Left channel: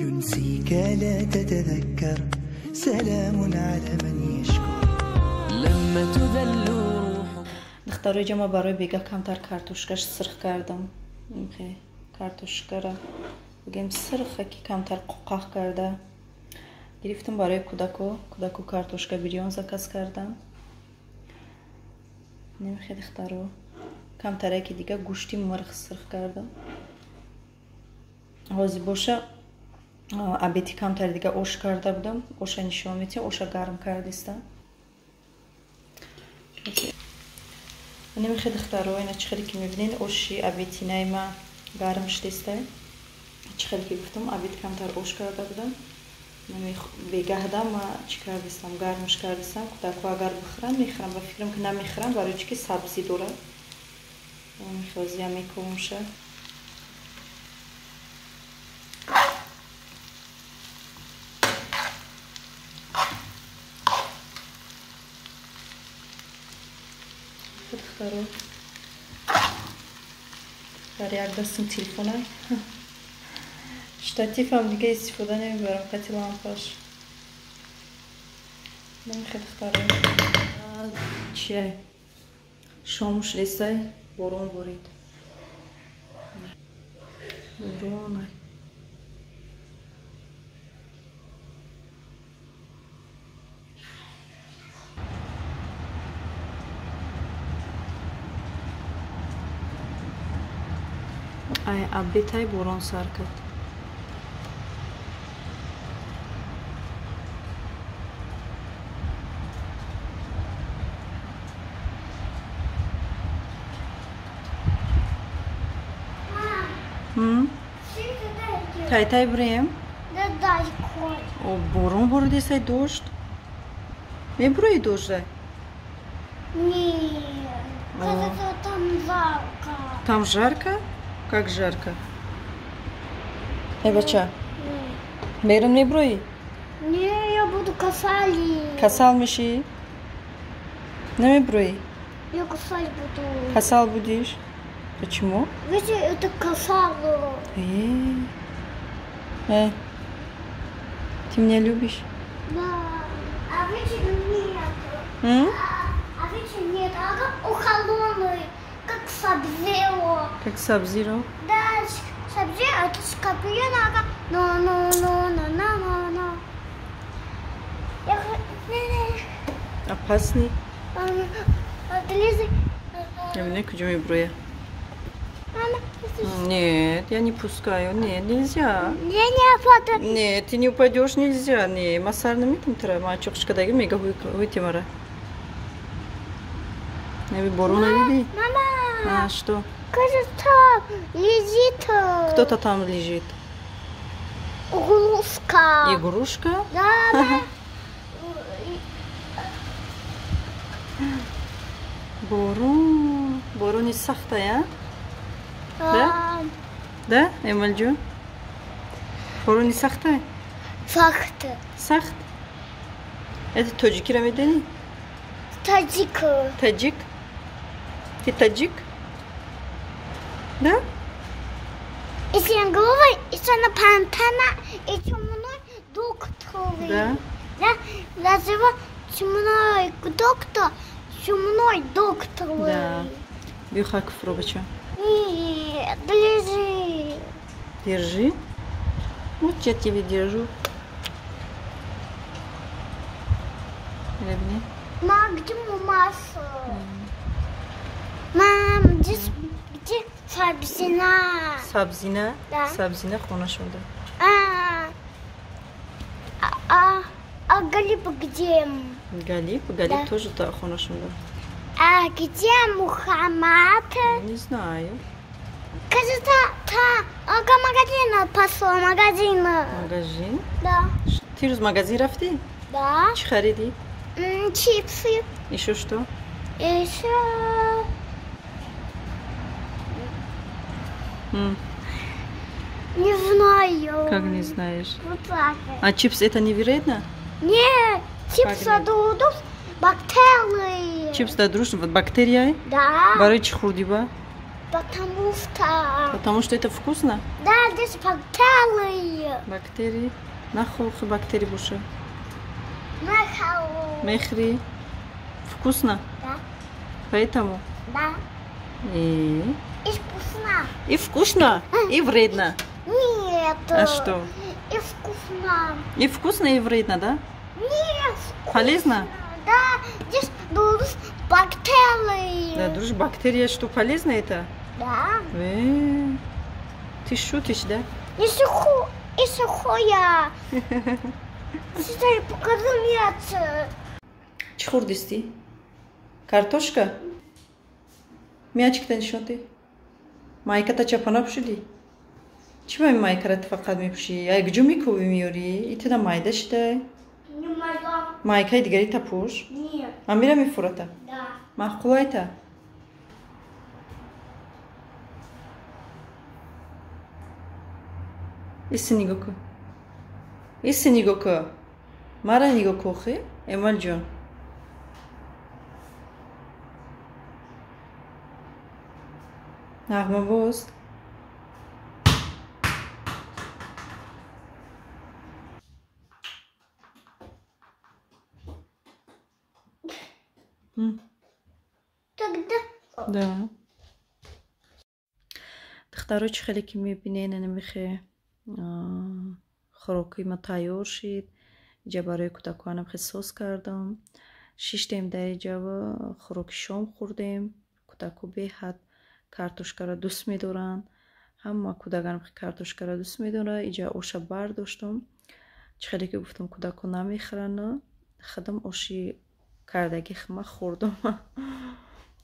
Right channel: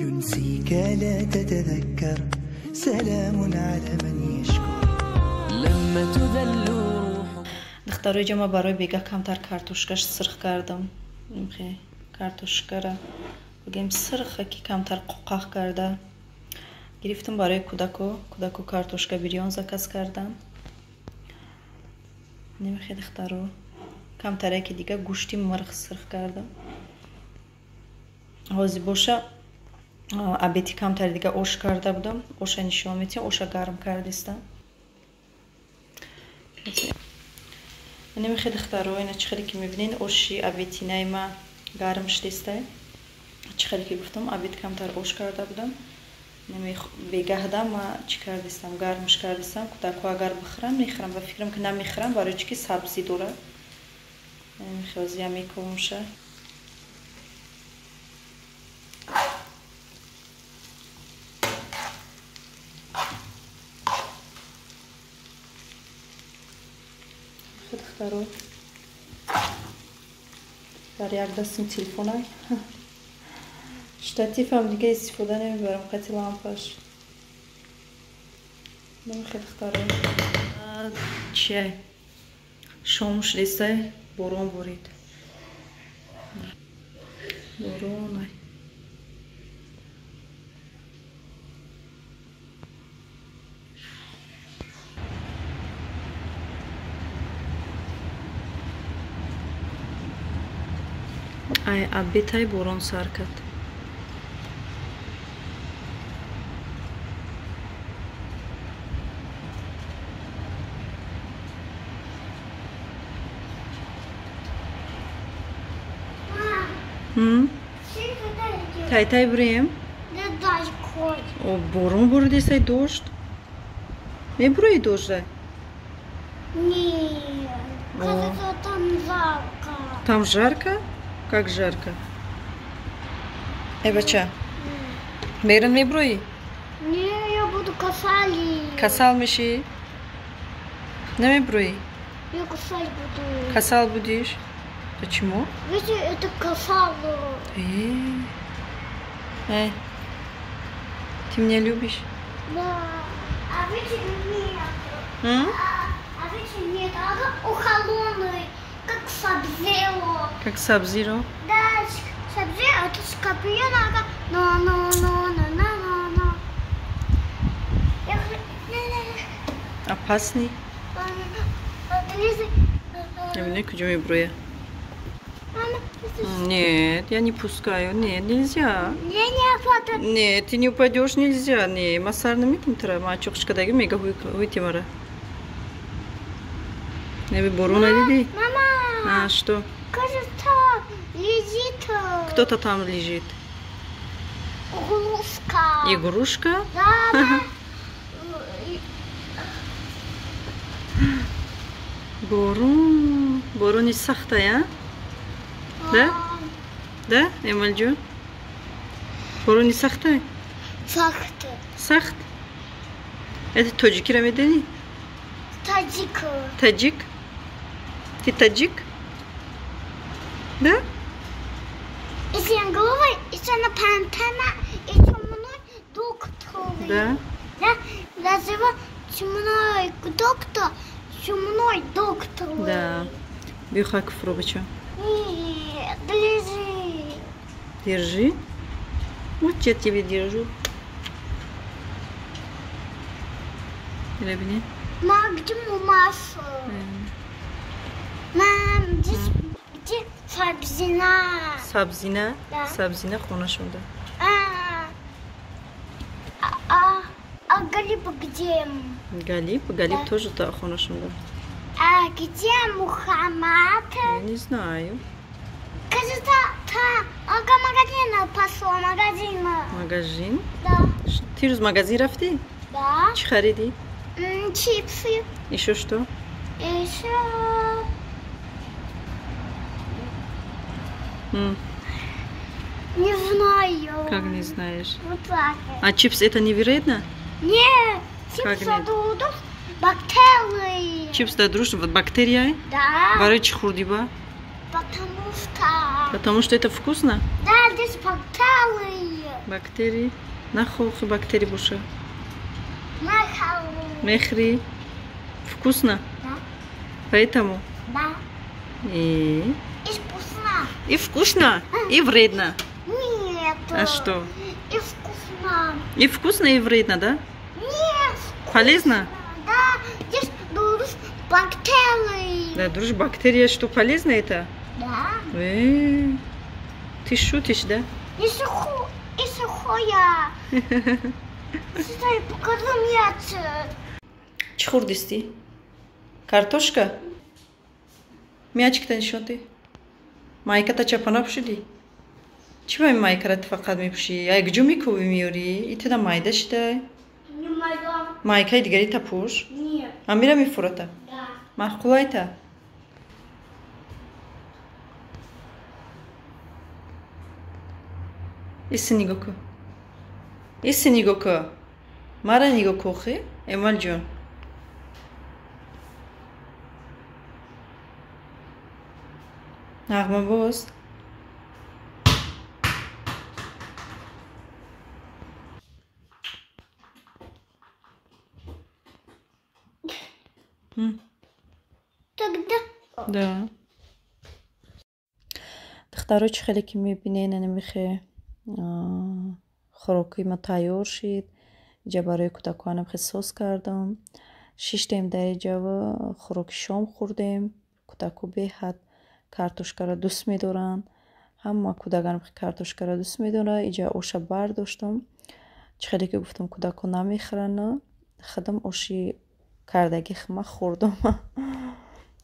ينسيك لا تتذكر سلام على من يشكر لما تذل روح. دخترای جمع برای بیگا کمتر کارتوشکاش سرخ کردم. میخوای کارتوشکا را بگیم سرخه که کمتر قوقاق کرده. گرفتم برای کودکو کارتوشکا بریون زکاس کردم. نمیخوای دخترو کمتره که دیگه گوشتی مرغ سرخ کردم. حاضی باشه обеди камтар дига ош карда будам. Оша нишон метем, оша гарм кардистам. Намехед хтаро ина чихали ки мебинин оши обеди найма гарм шдисте. Чихали ки гуфтам обед камтар ош карда будам. Намех бегаҳдам ва чи кардистам, гармш кардистам. Кудаку агар бихрам мехрам ва фикрам ки намехрам барои чи ки сабзи дора. Намехози я мекунша. Второй. Дарья, дастим телефона. Штативом дига истифода намебарам, кати лампаш. Намехед второй. Чай. Шом шдистай, борон борид. Боронай. Ай обетай борон сар кард. Тай бурем? О, борон борид есай дождь. Не бураи дождь? Нет, кажется, там жарко. Там жарко? Как жарко? Бача, мерен меброи? Не, я буду касали. Касал миши? Не меброи? Я касать буду. Касал будешь? Почему? Видите, это касало. Ты меня любишь? Да. А видите, нет. А видите, нет. Ага, у холодный. Как сабзиро. Как сабзиро? Да, сабзиро, это скорпион, ага. Но. Опасный? Лиза. Я не хочу броя. Нет, я не пускаю. Нет, нельзя. Не упаду. Нет, ты не упадешь, нельзя. Не, массарный митинтра, мачокшка дай мега выйти мара. Не вы борона лиди? Мама. А что? Кажется, лежит. Кто-то там лежит. Игрушка. Игрушка? Да. Борон не сахтая? Да? Да, Эмальджу? Борон не сахтай? Сахта. Сахт? Это таджики рамедени? Таджик. Таджик? Ты таджик? Да? Если я говорю, если она пантана, и чумной доктор. Да. Да? Называют чумной доктор. Чумной доктор. Да. Бюхак пробачу. Нет, держи. Держи. Вот я тебе держу. Ребни. Мам, где массу? Мам, где сабзина? Сабзина? Да. Сабзина хонашунда. А Галип где? Галип? Галип да. Тоже да, хонашунда. А где Мухаммад? Я не знаю. Кажется, магазин пошел, магазин. Магазин? Да. Ты из магазина рафти? Да. Что хариди? Чипсы. Еще что? Еще... Не знаю. Как не знаешь? Вот так. А чипс это не вредно? Нет, чипсы дадут бактерии. Чипс дадут бактерии? Да. Барыч худиба? Потому что... Потому что это вкусно? Да, This bacteria. Бактерии. Нахохи бактерии буша. Махал. Мехри. Вкусно? Да. Поэтому? Да. И И вкусно. И вкусно, и вредно. Нет. А что? И вкусно. И вкусно, и вредно, да? Нет. Полезно? Да. Здесь душ бактерии. Да, дружь, бактерия, что полезно это? Да. Ты шутишь, да? И сухое. Стой, покажи мяч. Чхурдисти. Картошка? Мячик-то нишон ты? Майка-то чапана пушили? Чего им майка-рат факат мипуши? Ай гджу микуби миори? И ты да майда считай? Не могу. Майка и дигари тапуш? Нет. Амира мифурата? Да. Махкулайта? Иси нигоку. Иси нигоку. Мара нигоку хи? Эмаль джон. Нағма боз. Тогда. Да. دخترها چه خیلی که میبینین نمیخه خوراکی ما تیار شد. اینجا برای کودکانم خیلی سس کردم. 6 تایم در اینجا و خوراک شام خوردیم. کودکو به حد کارتوشکا را دوست میدارن. همه کودکانم خیلی کارتوشکا را دوست میدارن. اینجا اوشا برداشتم. چه خیلی که گفتم کودکو نمیخورن. خودم اوشی کردگی خیلی خوردم.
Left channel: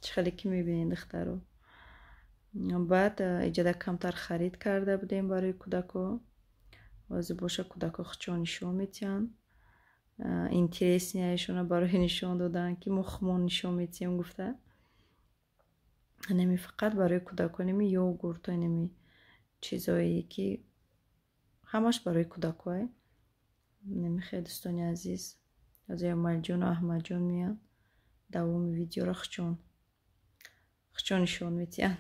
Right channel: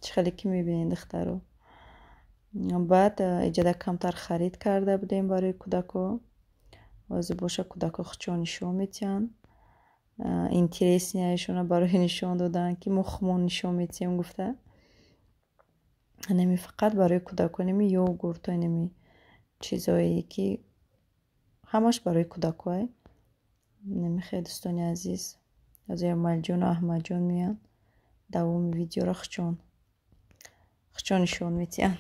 چه خیلی که میبینین دخترها. بعد اینجا کمتر خرید کرده بودیم برای کودکو. واسه باشه کودکو خچون نشون میتین. اینترسیشون برای نشون دادن که مخمون نشون میتیم گفته. نمی فقط برای کودکو نمی یوگورت و نمی چیزایی که همش برای کودکوه. نمی خیلی دوستانی عزیز از امال جون و احمد جون میان دوام ویدیو را خچون نشون میتین.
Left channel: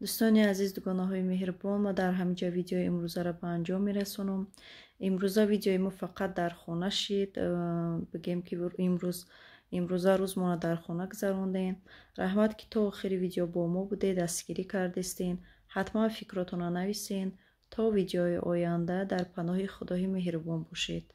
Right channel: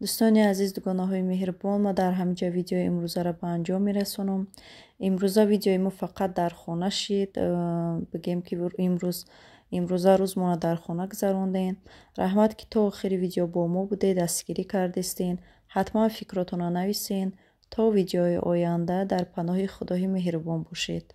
دوستان عزیز دوگانه‌های مهربان ما در همینجا ویدیو امروزه را به انجام میرسونم. امروزه ویدیوی ما فقط در خانه شد. بگیم که امروزه روز ما در خانه گذروندین. رحمت که تا آخر ویدیو با ما بوده دستگیری کردستین. حتما فکراتون رو نویسین تا ویدیوهای آینده در پناه خدای مهربان باشید.